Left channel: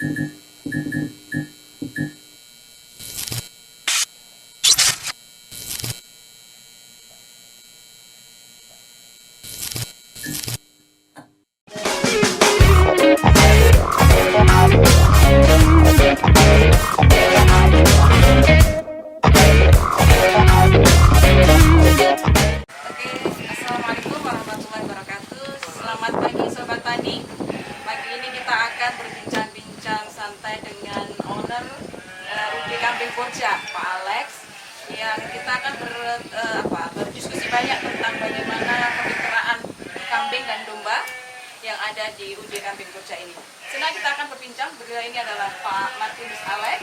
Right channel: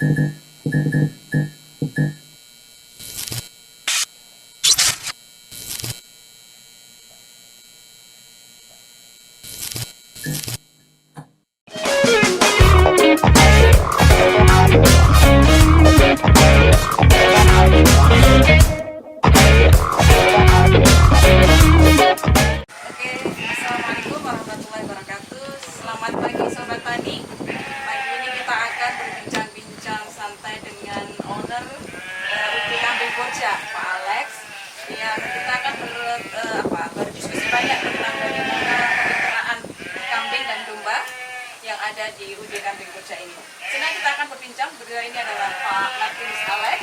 Assalamualaikum warahmatullahi wabarakatuh. Selamat pagi Sobat Tani. Pagi ini kita akan berbincang-bincang santai dengan owner UD Kambing Purja, Pak Alex. Yang kita akan berdiskusi banyak tentang bagaimana kemitraan kambing dan domba yang ada di UD Kambing Purja ini. Sini kita akan berbincang. Beliau ini adalah Pak Martinus Alex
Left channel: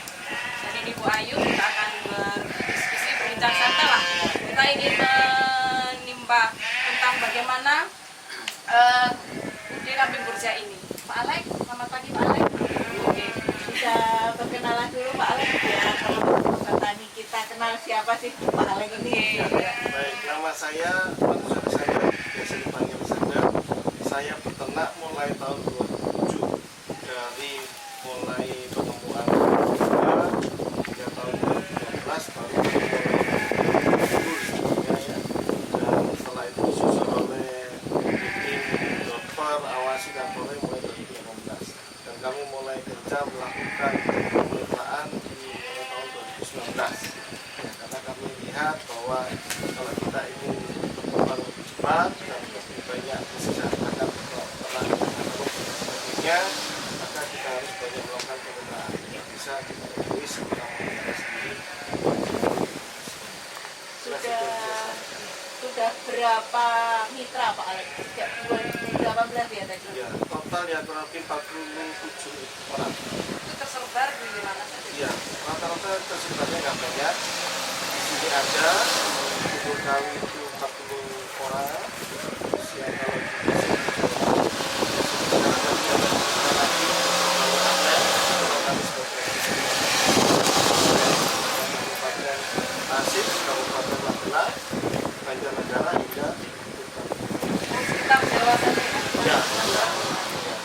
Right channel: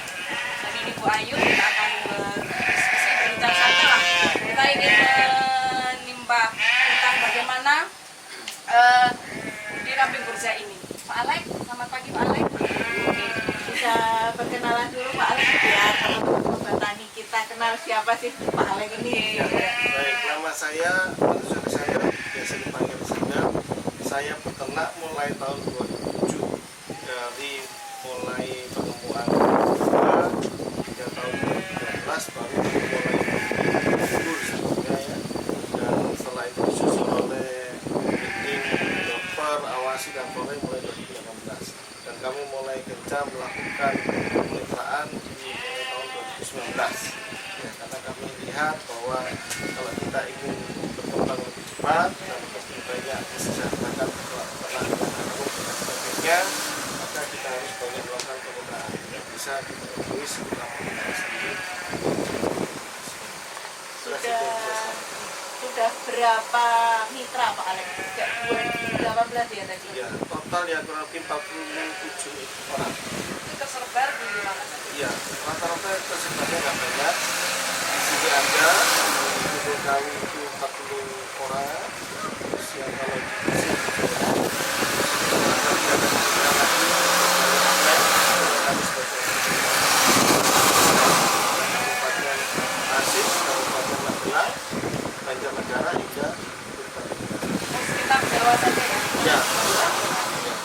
dan ini Bu Ayu. Kita akan berdiskusi, berbincang santai lah. Kita ingin menimba tentang bagaimana UD Kambing Purja ini. Pak Alex, selamat pagi Pak Alex. Oke, bisa perkenalan dulu Pak Alex ya, kalau Sobat Tani kita kenal siapa sih Pak Alex ini? Baik, nama saya Martinus Alexander, biasa dipanggil Sander. Saya peternak mulai tahun 2007, dari mulai penemuan domba hingga tahun 2012 baru mulai tumbuh sebetulnya ya. Dan setelah itu disusul oleh breeding, dokter, awasi dan mulai 2018. Dan kami mulai gencar melakukan kemitraan di mulai tahun 2019. Ya, karena kami lihat bahwa kalau kita ingin berkembang lebih cepat dan lebih banyak mesejahterakan peternak yang agung dan sebagainya, maka kita harus banyak melakukan kemitraan. Tidak bisa kita egois kita kita sendiri. Sudah berapa mitra Pak Alex? Sejak 2018 ya tadi? Ya, total ya kurang lebih 47 orang. Itu tersebar di mana saja? Iya, rata-rata tersebarnya nggak banyak. Di sini ada, di Gunung Kawi itu 40 orang. Terus yang kalau di sini 7 orang. Sekarang kami ada tiga lagi, dari Apen, kami sebagai Kabupaten Tasik, Kabupaten Magelang, Banjarnegara hingga Sekitar Jawa saja ya? ya,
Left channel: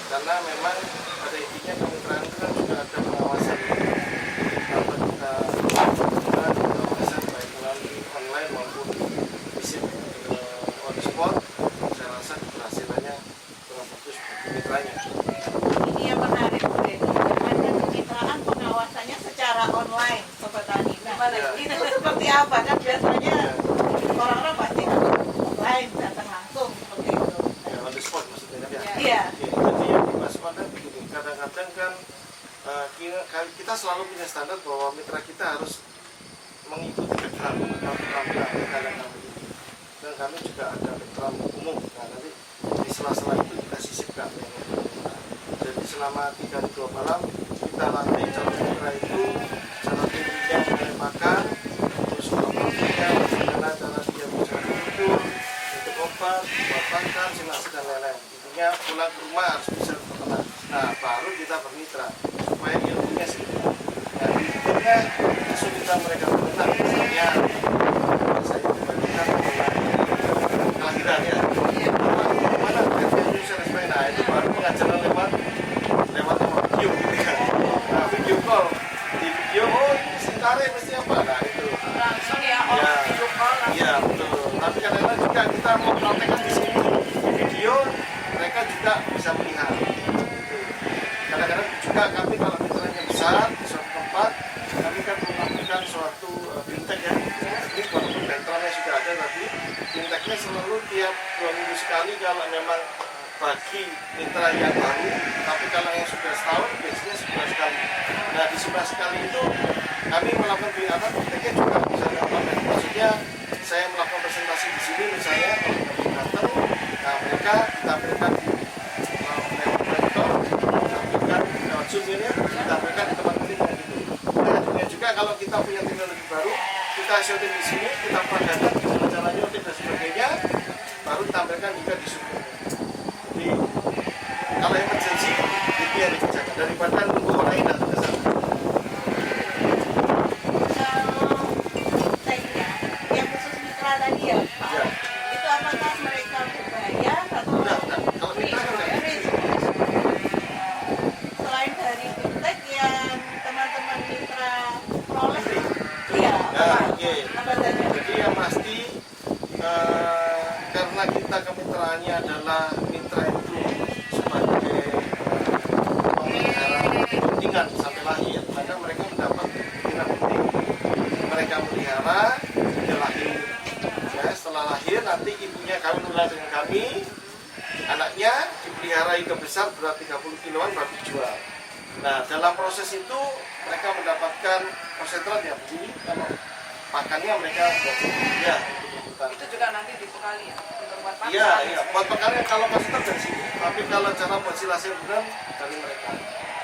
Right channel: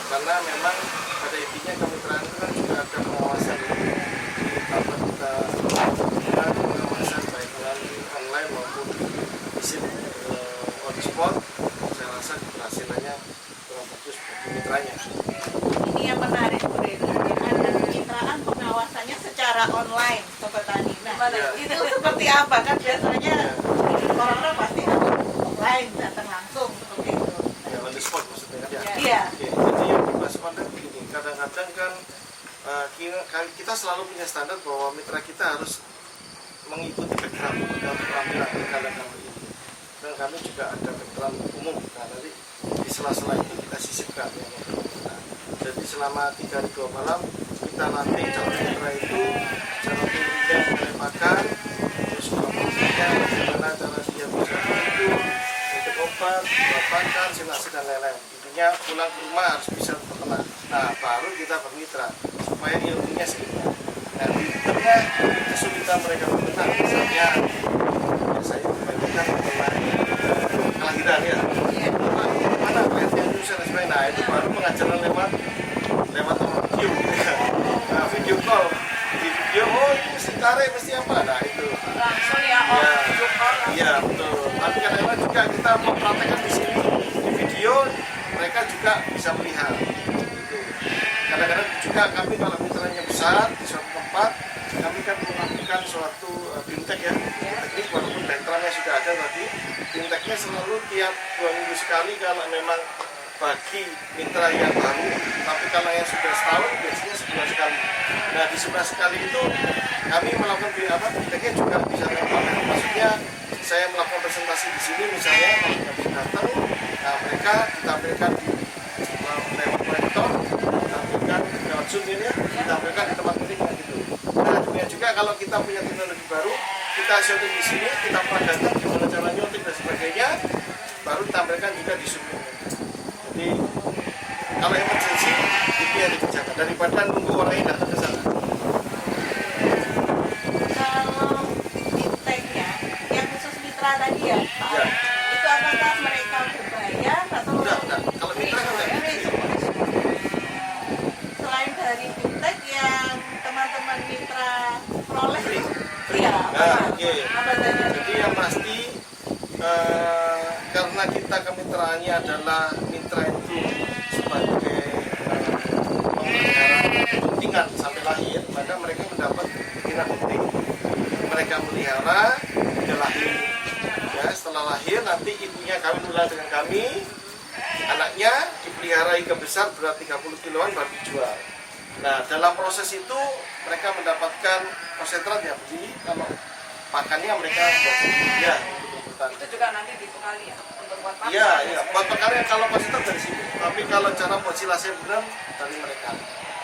karena memang pada intinya kemitraan itu kan juga ada pengawasan tanpa kita juga ada pengawasan baik melalui online maupun visit on the spot. Saya rasa keberhasilannya kurang bagus bagi mitranya. Ini yang menarik ada kemitraan pengawasannya secara online Sobat Tani. Nah, Ya. itu seperti apa kan biasanya Ya, orang-orang pasti harus offline datang langsung seperti itu. ya on the spot maksudnya kan ya. Iya. Oke, jadi yang dimaksud online begini, kadang-kadang kan kita selalu punya standar bahwa mitra kita harus mengikuti background atau keterampilan kalian kami ini. Dan kami juga ada background umum. Nah, nanti di sela-sela itu kita sisipkan yang untuk mitra. Jadi selama 3 hari 2 malam kita latih calon mitra itu cara tingginya mengenai makan, terus kemampuannya bagaimana cara dia bisa tidur, untuk obat, buat makan, sinasi dan lain-lain. Intinya pulang ke rumah harus bisa berpeternak. Nah, baru kita bermitra supaya ilmunya seimbang. Nah, di tengah kesulitan mereka berpeternak, misalnya saya kebanyakan mengenai kelahiran ya. Mana kelahiran Indonesia dan sebagainya. Nah, itu baru pengajaran lewat video gitu kan. Nah, video call. Di video, oh ini mesti tarik, mesti apa. Nah, itu. Langsung ya, video call langsung. Iya, betul. Tapi kadang-kadang juga kita mempraktekkan di sini. Di video, mereka juga bisa melihat. Gitu. Kadang-kadang juga kami kalau mitranya besar di suatu tempat, kami kan melakukan suatu bintek ya. Teknik walaupun backgroundnya sudah ada tadi, binteknya selalu tiap 2 minggu sekali kalau memang bagi mitra yang baru, tapi kalau yang sudah setahun biasanya sebulan sekali. Nah, di sebulan sekali itu kami melakukan binteknya juga bisa online. Maksudnya saya melakukan presentasi di sini misalnya kalau kita bisa datang, nah mereka ditampilkan di lewat proyektor, ditampilkan lewat Zoom ini, ditampilkan di tempat meeting gitu. Nah, kemudian juga kalau kita punya teknologi baru, kita syuting di sini, kita peragakan gimana cara nyuting dan sebagainya, baru ditampilkan juga di Zoom ini. Jadi kalau emergency itu yang dikerjakan daripada nunggu orang ini datang ke sana. Kalau binteknya yang khusus mitra tadi ya Pak, Ya. itu apakah mereka berbayar atau Udah. Kalau mitra kan udah free. selain dari bintek karena kita kemitraannya adalah mitra itu sebagai pemelihara kepentingan sampai lahir, maka mereka mendapat tindak penting. Mereka melihara, dia lahir. Ya, setelah lahir nanti ibunya kawin ulang dengan kami, anaknya dipelihara hingga besar berat 30 kiloan baru dijual. Nah, dalam proses itu mereka mendapatkan konsentrat ya beli, kalau pakannya mereka buat sendiri ya untuk hutan. Itu juga nanti dibekali ya untuk buat pakan. Iya, iya, buat pakannya kalau konsentrat dari sini. Tapi kalau cara buat silase benar dari mereka.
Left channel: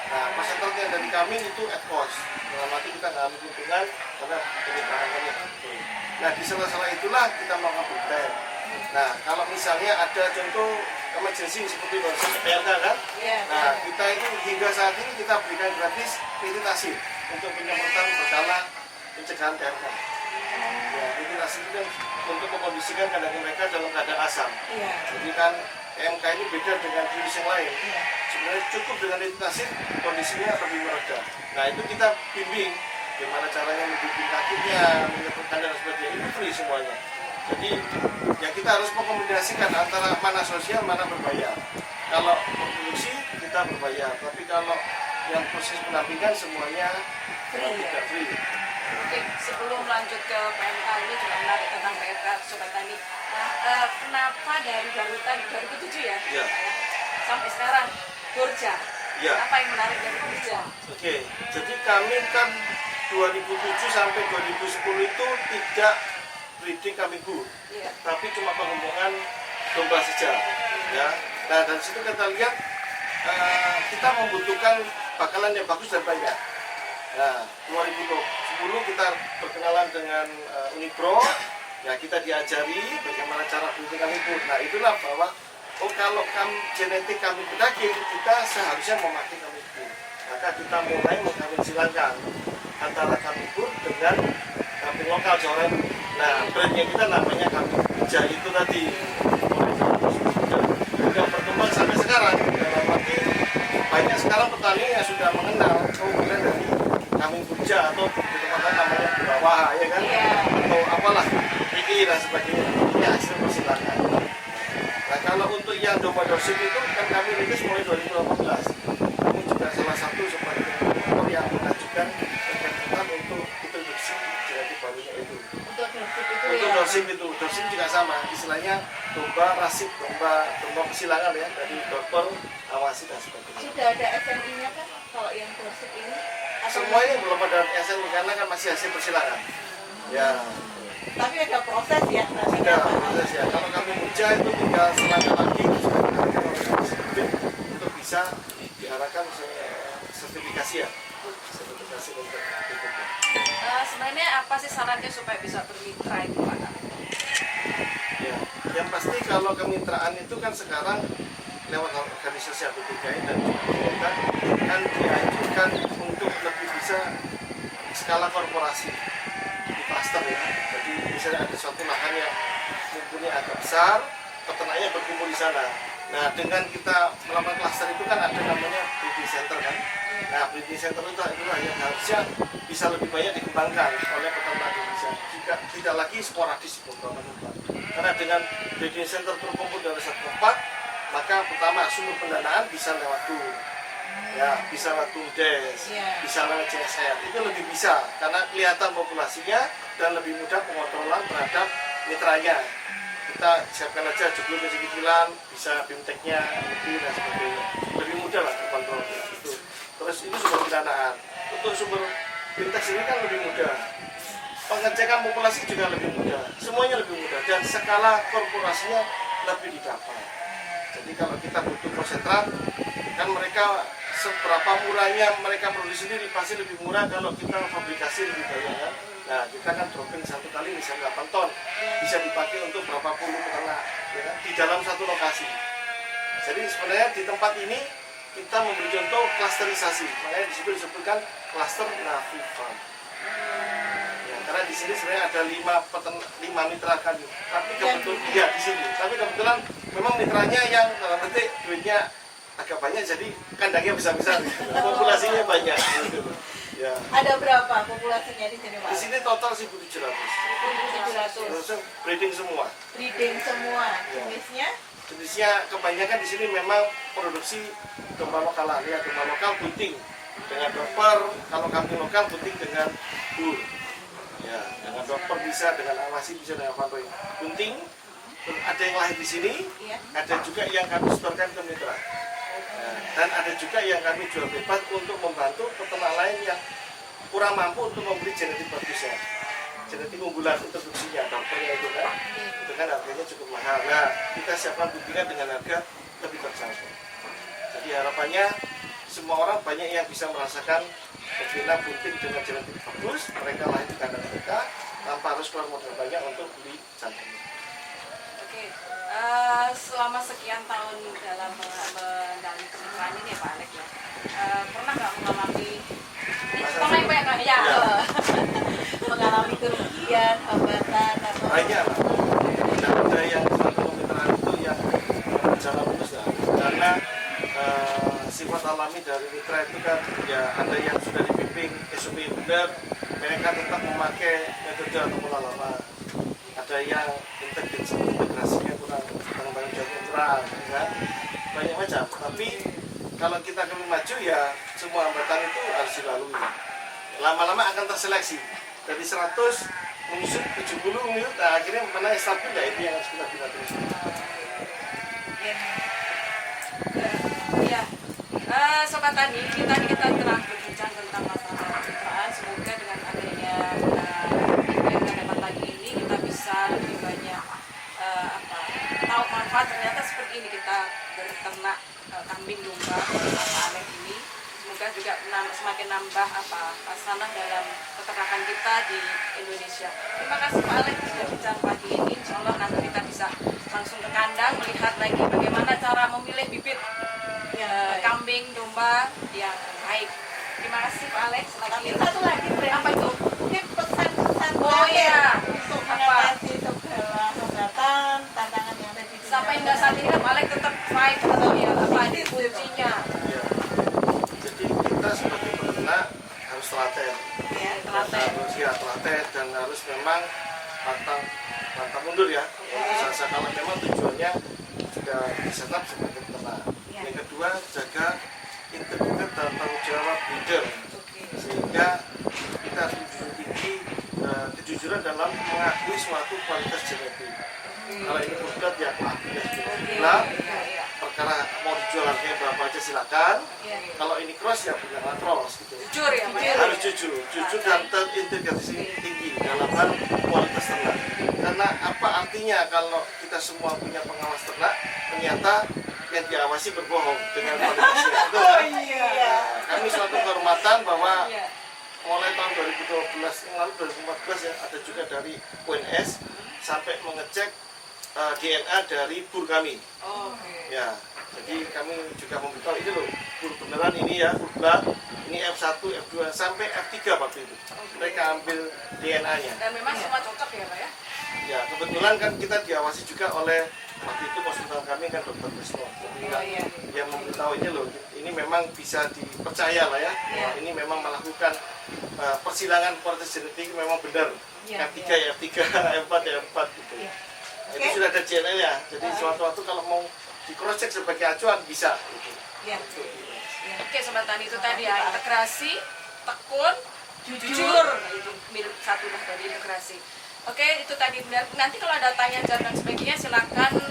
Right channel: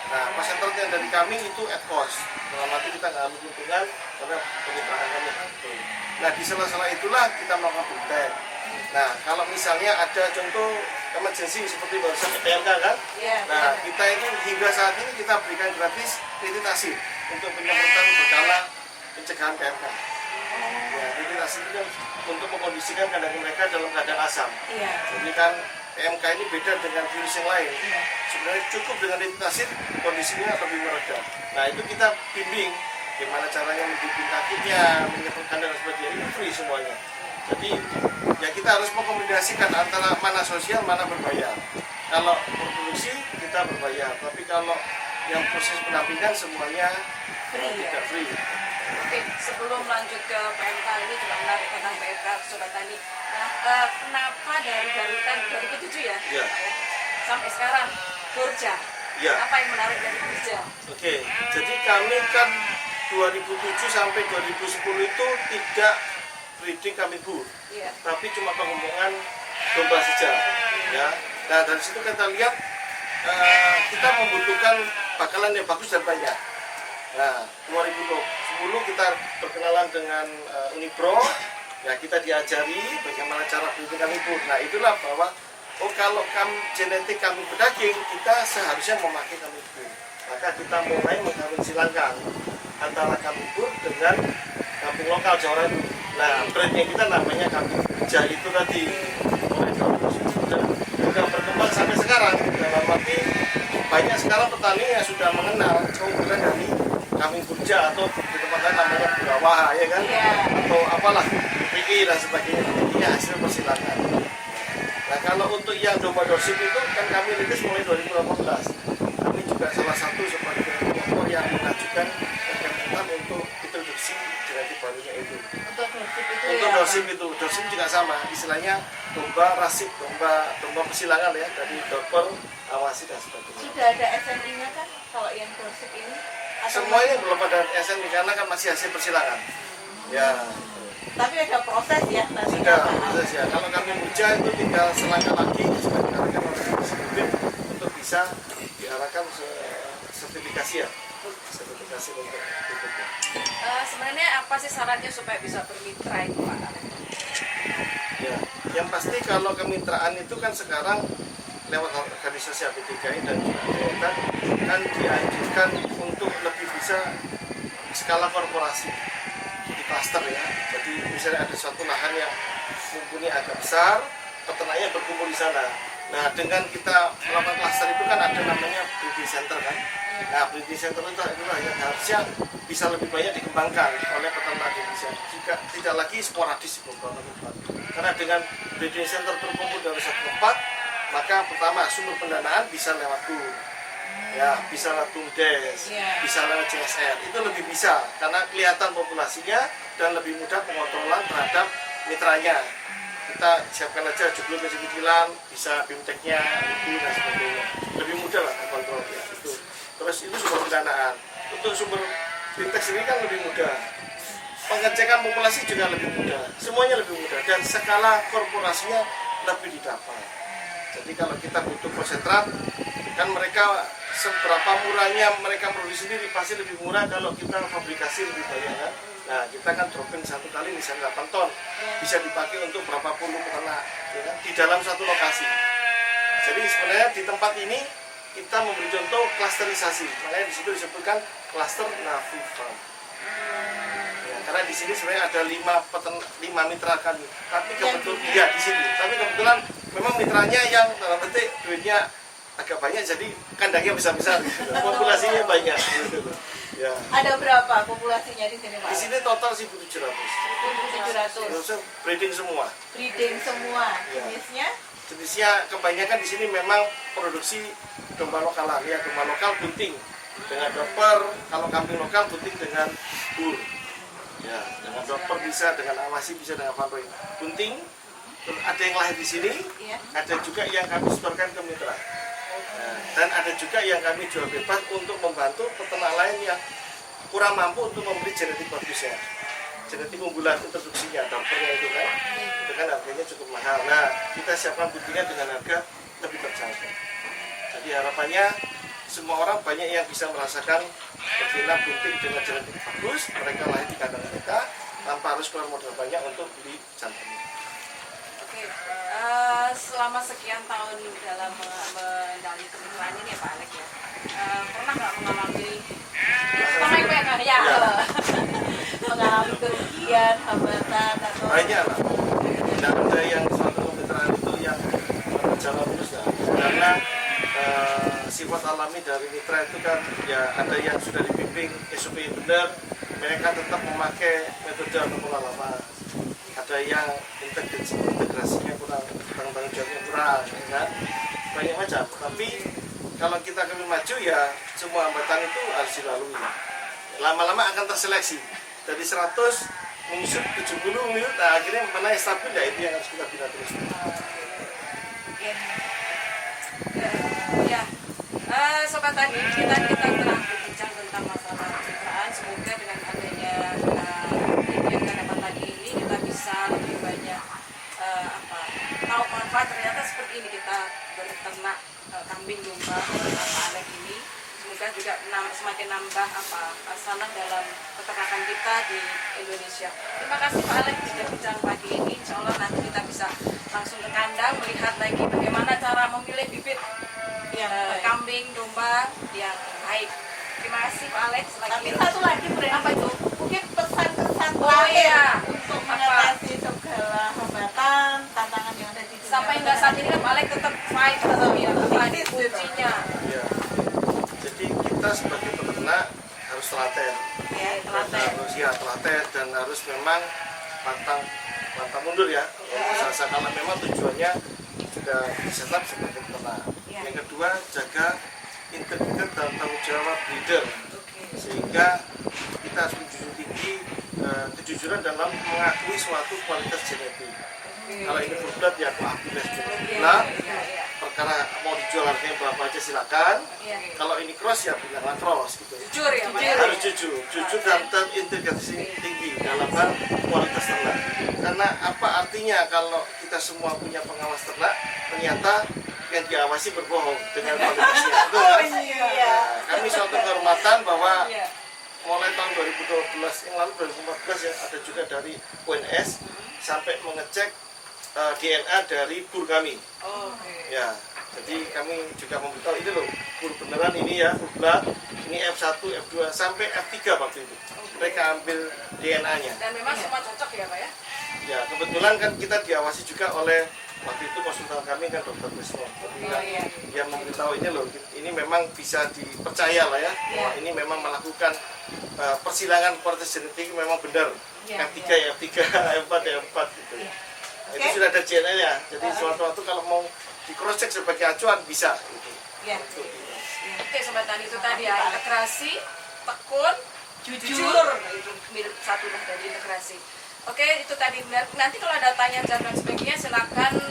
Nah, konsentrat yang dari kami itu at cost. Dalam arti kita nggak ambil keuntungan karena kemitraan kami. Nah, di sela-sela itulah kita melakukan budidaya. Nah, kalau misalnya ada contoh emergency seperti barusan PMK kan? Nah, kita itu hingga saat ini kita berikan gratis retitasi untuk penyemprotan berkala pencegahan PMK. Ya, retitasi itu kan untuk mengkondisikan kandang mereka dalam keadaan asam. Jadi kan PMK ini beda dengan virus yang lain. Sebenarnya cukup dengan retitasi kondisinya lebih mereda. Nah, itu kita bimbing gimana caranya membimbing kakinya, menyemprotkan dan sebagainya, itu free semuanya. Jadi ya kita harus mengkombinasikan antara mana sosial, mana berbayar. Kalau produksi kita berbayar, tapi kalau yang proses pendampingan semuanya tidak free. Oke, sebelum lanjut ke PMK ini juga menarik tentang PMK Sobat Tani. Nah, kenapa dari barutan 2007 ya, Ya. Pak ya, sampai sekarang Borja? Ya. Apa yang menarik dari Borja? Oke, jadi kami kan 2007 sampai 2010 itu tidak breeding kambing bur, Iya. tapi cuma pengembangan domba saja. Ya. Nah, dari situ kita lihat kita membutuhkan bakalan yang bagus dan banyak. Nah, 2010 kita berkenalan dengan Unipro, ya kita diajari bagaimana cara breeding kambing bur. Nah, itulah bahwa kalau genetik kambing pedaging kita seharusnya memakai kambing bur. Maka kita mulai mengkawin silangkan antara kambing bur dengan kambing lokal Jawa Radu. Nah, brandnya kita namanya kambing Borja itu tadi. Mulai 2009 sudah berkembang sampai sekarang. Dalam arti banyak sekarang petani yang sudah mengenal keunggulan dari kambing Borja atau di tempat lain namanya Burawaha ya kan? Atau apalah PI dan sebagainya. Ini hasil persilangan. Nah, kalau untuk yang domba Dorsim itu kan kami rilis mulai 2018. Kami juga salah satu sebagai pelopor yang mengajukan kegiatan untuk introduksi genetik barunya itu. Untuk Dorsim itu, Dorsim juga sama, istilahnya domba rasik, domba persilangan ya, dari Dorper, Awasi dan sebagainya. Sudah ada SNI-nya kan kalau yang Dorsim ini? Semuanya belum ada SNI karena kan masih hasil persilangan. Ya. Tapi ada proses ya. Sudah proses ya. Kalau kami Borja itu tinggal selangkah lagi sudah diarahkan oleh Komisi Bibit untuk bisa diarahkan sertifikasi ya. Sertifikasi untuk berikutnya. Sebenarnya apa sih syaratnya supaya bisa bermitra itu Pak? Ya, yang pasti kalau kemitraan itu kan sekarang lewat organisasi APTKI dan juga Kementan kan dianjurkan untuk lebih bisa skala korporasi di klaster ya. Jadi misalnya ada suatu lahan yang mumpuni agak besar, peternaknya berkumpul di sana. Nah, dengan kita melakukan klaster itu kan ada namanya breeding center kan. Nah, breeding center itu yang harusnya bisa lebih banyak dikembangkan oleh peternak di Indonesia. Jika tidak lagi sporadis di beberapa tempat. Karena dengan breeding center terkumpul dari satu tempat, maka pertama sumber pendanaan bisa lewat TUR. Ya, bisa lewat TUMDes, bisa lewat CSR. Itu lebih bisa karena kelihatan populasinya dan lebih mudah pengontrolan terhadap mitranya. Kita siapkan aja jumlah kecil-kecilan, bisa bimteknya, itu dan sebagainya. Lebih mudah lah terkontrol ya itu. Terus itu sumber pendanaan. Untuk sumber bimtek sendiri kan lebih mudah. Pengecekan populasi juga lebih mudah. Semuanya lebih mudah dan skala korporasinya lebih didapat. Jadi kalau kita butuh konsentrat, kan mereka seberapa murahnya mereka produksi sendiri pasti lebih murah kalau kita fabrikasi lebih banyak kan. Nah, kita kan dropping satu kali misalnya 8 ton, bisa dipakai untuk berapa puluh peternak ya kan? Di dalam satu lokasi. Jadi sebenarnya di tempat ini kita memberi contoh klasterisasi, makanya di situ disebutkan klaster Navi Farm. Ya, karena di sini sebenarnya ada 5 mitra kami, tapi kebetulan ya di sini, tapi kebetulan memang mitranya yang dalam petik duitnya agak banyak, jadi kandangnya besar-besar, populasinya banyak. Gitu. Ya. Ada berapa populasinya di sini, Pak? Di sini total 1.700. 1.700. Breeding semua. Breeding semua. Ya. Jenisnya? Jenisnya kebanyakan di sini memang produksi domba lokalan ya, domba lokal bunting dengan doper, kalau kambing lokal bunting dengan bur. Ya, dengan doper bisa, dengan awasi bisa, dengan fanroy. Bunting ada yang lahir di sini, Iya. ada juga yang kami setorkan ke mitra. Nah, dan ada juga yang kami jual bebas untuk membantu peternak lain yang kurang mampu untuk membeli genetik bagusnya, genetik unggulan introduksinya, dokternya itu kan harganya cukup mahal. Nah, kita siapkan buntingan dengan harga lebih terjangkau. Jadi harapannya semua orang banyak yang bisa merasakan betina bunting dengan genetik bagus, mereka lahir di kandang mereka tanpa harus keluar modal banyak untuk beli jantannya. Oke, selama sekian tahun dalam mendalami kemitraan ini ya Pak Alex ya, pernah nggak mengalami sama yang banyak kan? Ya. Mengalami kerugian, hambatan, atau Banyak lah. Tidak ada yang suatu kemitraan itu yang berjalan mulus ya. Karena sifat alami dari mitra itu kan ya ada yang sudah dibimbing SOP benar, mereka tetap memakai metode atau pola lama. Ada yang integrasinya kurang, tanggung jawabnya kurang, ya kan? Banyak macam. Tapi kalau kita kami maju ya semua hambatan itu harus dilalui. Lama-lama akan terseleksi dari 100 menyusut 70 menit, nah akhirnya mana yang stabil ya itu yang harus kita bina terus. Ya, Sobat Tani, kita telah berbincang tentang masalah kemitraan. Semoga dengan adanya video yang kita dapat pagi ini kita bisa lebih banyak tahu manfaat. Ternyata seperti ini kita berternak kambing domba Pak Alex ini. Semoga juga semakin nambah sanang dalam peternakan kita di Indonesia. Terima kasih Pak Alex sudah bincang pagi ini. Insya Allah nanti kita bisa langsung ke kandang melihat lagi bagaimana cara memilih bibit kambing domba yang baik. Terima kasih Pak Alex. Tapi satu lagi Apa itu? mungkin pesan-pesan Oh terakhir iya. untuk mengatasi segala hambatan, tantangan yang ada di dunia. Sampai hingga saat ini kan Pak Alex tetap fight atau ya apa ini kuncinya? Ya. Jadi kita sebagai peternak harus telaten. Ya, Harus ya telaten dan harus memang pantang mundur ya. Kalau memang tujuannya sudah disetap sebagai peternak. Yang kedua, jaga integritas dan tanggung jawab leader, sehingga kita harus menjunjung tinggi kejujuran dalam mengakui suatu kualitas genetik. Kalau ini full ya aku akui sebenarnya. Perkara mau dijual harganya berapa aja silakan. Kalau ini cross ya bilanglah cross gitu. Jujur ya Pak. Harus jujur dan terintegrasi tinggi dalam hal kualitas ternak. Karena apa artinya kalau kita semua punya pengawas ternak, ternyata yang diawasi berbohong dengan kualitasnya. Itu kan? Nah, kami suatu kehormatan bahwa mulai tahun 2012 yang lalu 2014 ya ada juga dari UNS sampai mengecek DNA dari bur kami. Ya, jadi kami juga memberitahu ini loh, bur beneran ini ya, bur blood, ini F1, F2 sampai F3 waktu itu. Mereka ambil DNA-nya. Dan memang semua cocok ya Pak ya? Ya, kebetulan kan kita diawasi juga oleh waktu itu konsultan kami kan Dr. Krisno. Jadi dia memberitahu ini loh, ini memang bisa dipercaya lah ya. Bahwa ini memang melakukan persilangan kualitas genetik memang benar. F3 ya F3, F4 ya F4 gitu. Nah, itu sudah ada DNA-nya. Jadi suatu-suatu kalau mau di cross check sebagai acuan bisa gitu. Oke Sobat Tani, itu tadi ya, integrasi, tekun, jujur. Nah, itu mirip satu lah dari integrasi. Oke, itu tadi. Nanti kalau ada tanya jawab dan sebagainya silakan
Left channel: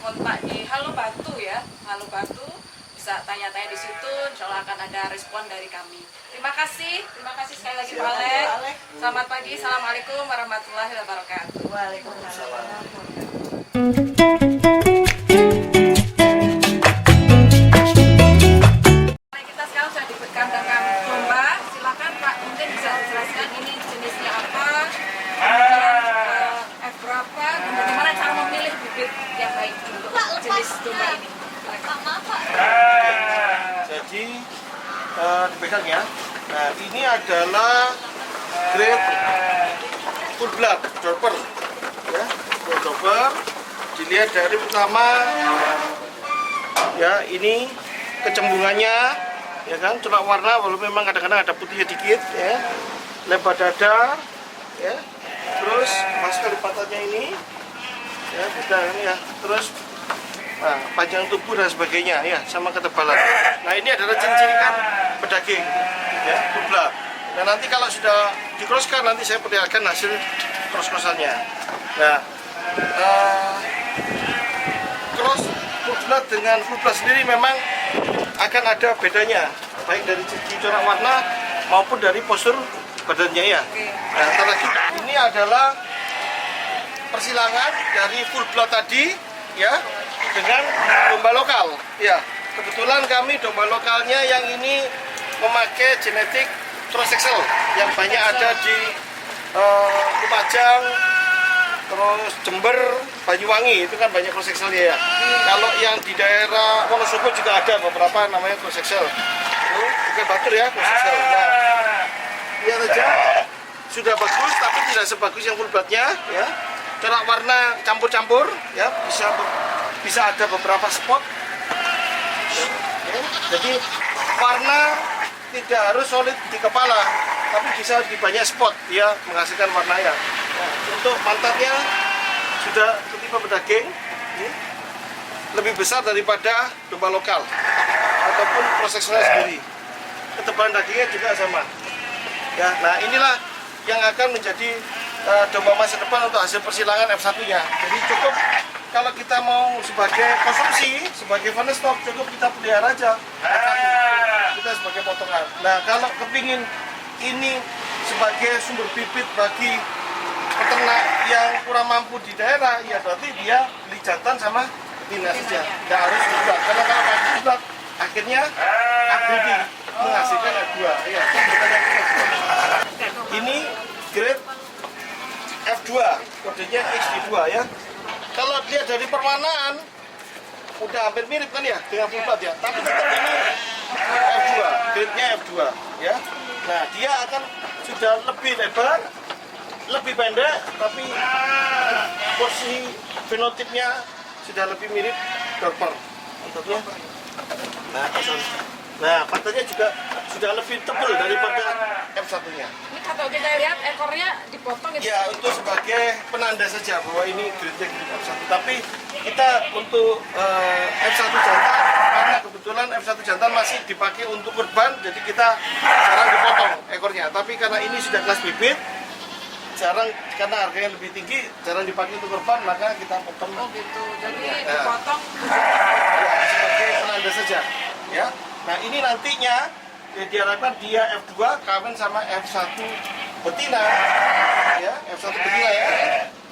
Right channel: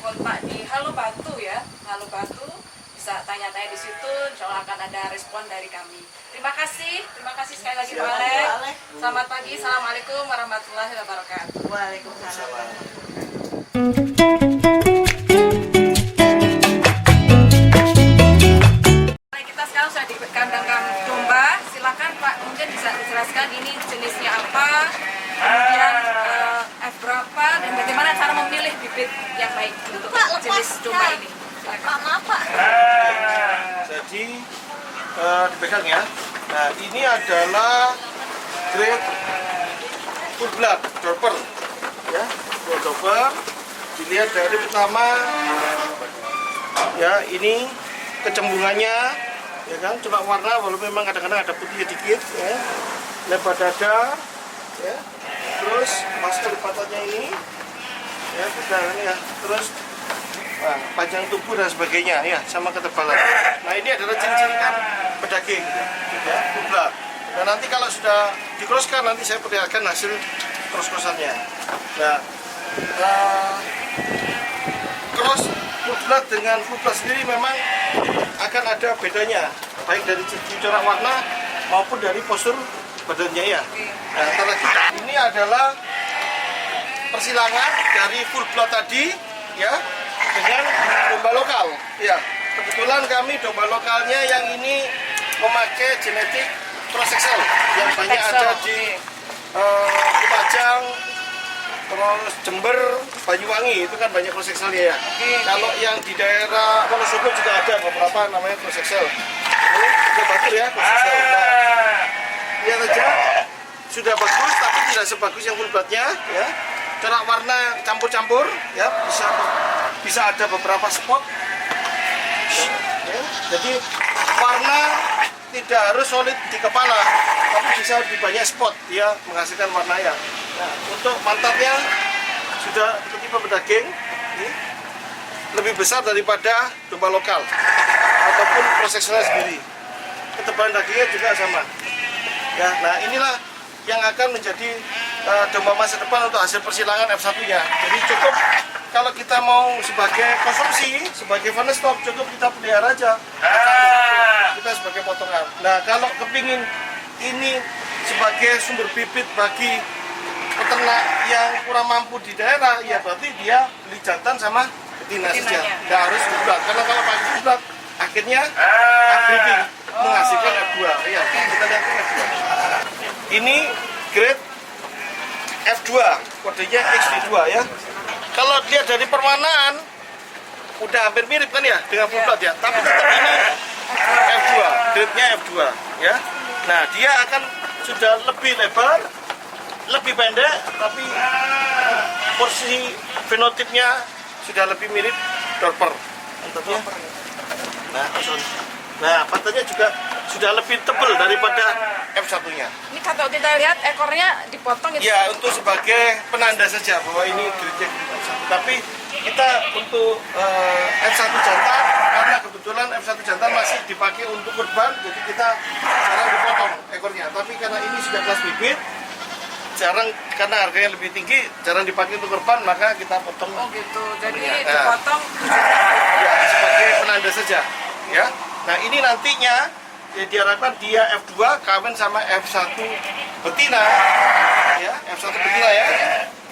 kontak di Halo Batu ya. Halo Batu, bisa tanya-tanya di situ. Insya Allah akan ada respon dari kami. Terima kasih sekali lagi Pak Alex. Selamat pagi, assalamualaikum warahmatullahi wabarakatuh. Waalaikumsalam. Kita sekarang sudah di kandang domba. Silakan Pak, mungkin bisa dijelaskan ini jenisnya apa, kemudian F berapa, dan bagaimana cara memilih bibit yang baik untuk jenis domba ini. Jadi dipegang ya. Nah, ini adalah grade full blood dorper ya, full dorper. Dilihat dari pertama ya, ini kecembungannya ya kan, corak warna walaupun memang kadang-kadang ada putihnya dikit ya. Lebar dada ya. Terus masuk lipatannya ini ya, udah kan ya. Terus panjang tubuh dan sebagainya ya, sama ketebalan. Nah, ini adalah ciri-ciri kan pedaging ya, full blood. Nah, nanti kalau sudah dikroskan nanti saya perlihatkan hasil cross-crossannya. Nah, cross full blood dengan full blood sendiri memang akan ada bedanya, baik dari segi corak warna maupun dari postur badannya ya. Nah, ini adalah persilangan dari full blood tadi ya dengan domba lokal ya. Kebetulan kami domba lokalnya yang ini memakai genetik cross excel yang banyak ada di Lumajang, terus Jember, Banyuwangi, itu kan banyak cross excel ya. Kalau yang di daerah Wonosobo juga ada beberapa namanya cross excel. Oke, batur ya cross excel. Nah, lihat aja sudah bagus tapi tidak sebagus yang full bloodnya ya. Corak warna campur-campur ya, bisa ada beberapa spot ya. Jadi warna tidak harus solid di kepala, tapi bisa di banyak spot dia menghasilkan warna ya. Untuk pantatnya sudah ketipe pedaging, lebih besar daripada domba lokal ataupun prosesnya sendiri. Ketebalan dagingnya juga sama. Ya, nah inilah yang akan menjadi domba masa depan untuk hasil persilangan F1-nya. Jadi cukup kalau kita mau sebagai konsumsi, sebagai fun stop, cukup kita pelihara aja. Kita sebagai potongan. Nah, kalau kepingin ini sebagai sumber bibit bagi peternak yang kurang mampu di daerah, ya berarti dia beli jantan sama betina saja. Nggak harus bulat. Karena kalau pakai bulat, akhirnya upgrading menghasilkan F2. Ya, bukan yang F2. Ini grade F2, kodenya XD2 ya. Kalau lihat dari perwarnaan, udah hampir mirip kan ya dengan full blood ya. Tapi tetap ini F2, grade-nya F2 ya. Nah, dia akan sudah lebih lebar, lebih pendek, tapi porsi fenotipnya sudah lebih mirip Dorper. Mantapnya. Nah, pantatnya juga sudah lebih tebal daripada F1-nya. Ini kalau kita lihat ekornya dipotong gitu. Ya, untuk sebagai penanda saja bahwa ini grade-nya grade F1. Tapi kita untuk F1 jantan, karena kebetulan F1 jantan masih dipakai untuk kurban, jadi kita jarang dipotong ekornya. Tapi karena ini sudah kelas bibit, jarang, karena harganya lebih tinggi, jarang dipakai untuk kurban, maka kita potong. Oh gitu, jadi Ya. dipotong Ya, sebagai penanda saja ya. Nah, ini nantinya ya, diharapkan dia F2 kawin sama F1 betina ya, F1 betina ya,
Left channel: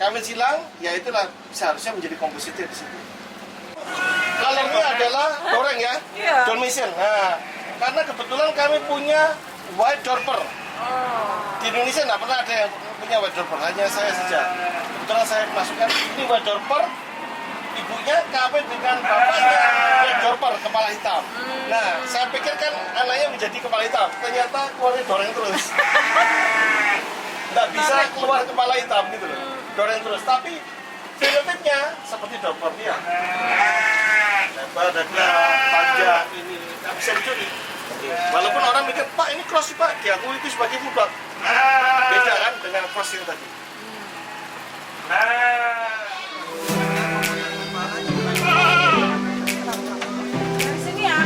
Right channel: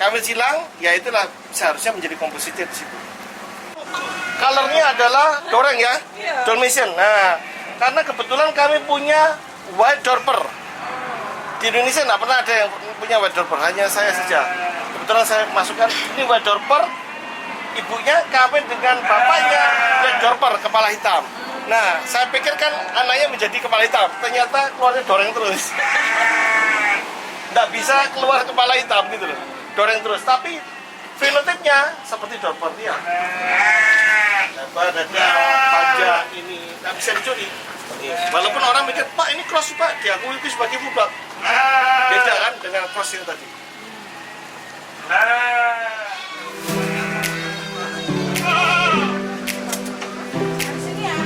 kawin silang, ya itulah seharusnya menjadi kompositif di situ. Colornya adalah doreng ya, Dalmatian. Nah, karena kebetulan kami punya white Dorper. Di Indonesia nggak pernah ada yang punya white Dorper, hanya saya saja. Kebetulan saya masukkan ini white Dorper. Ibunya kawin dengan bapaknya white Dorper kepala hitam. Nah, saya pikir kan anaknya menjadi kepala hitam, ternyata keluarnya doreng terus. Nggak bisa keluar kepala hitam gitu loh, doreng terus. Tapi fenotipnya seperti Dorper dia. Lebar dada, panjang, ini nggak bisa dicuri. Walaupun orang mikir, Pak ini cross Pak, diakui itu sebagai full blood. Beda kan dengan cross yang tadi. sini ya.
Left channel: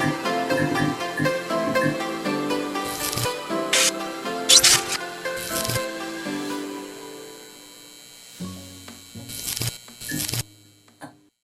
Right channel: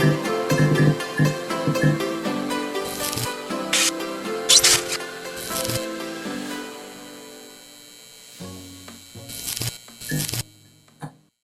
Pak.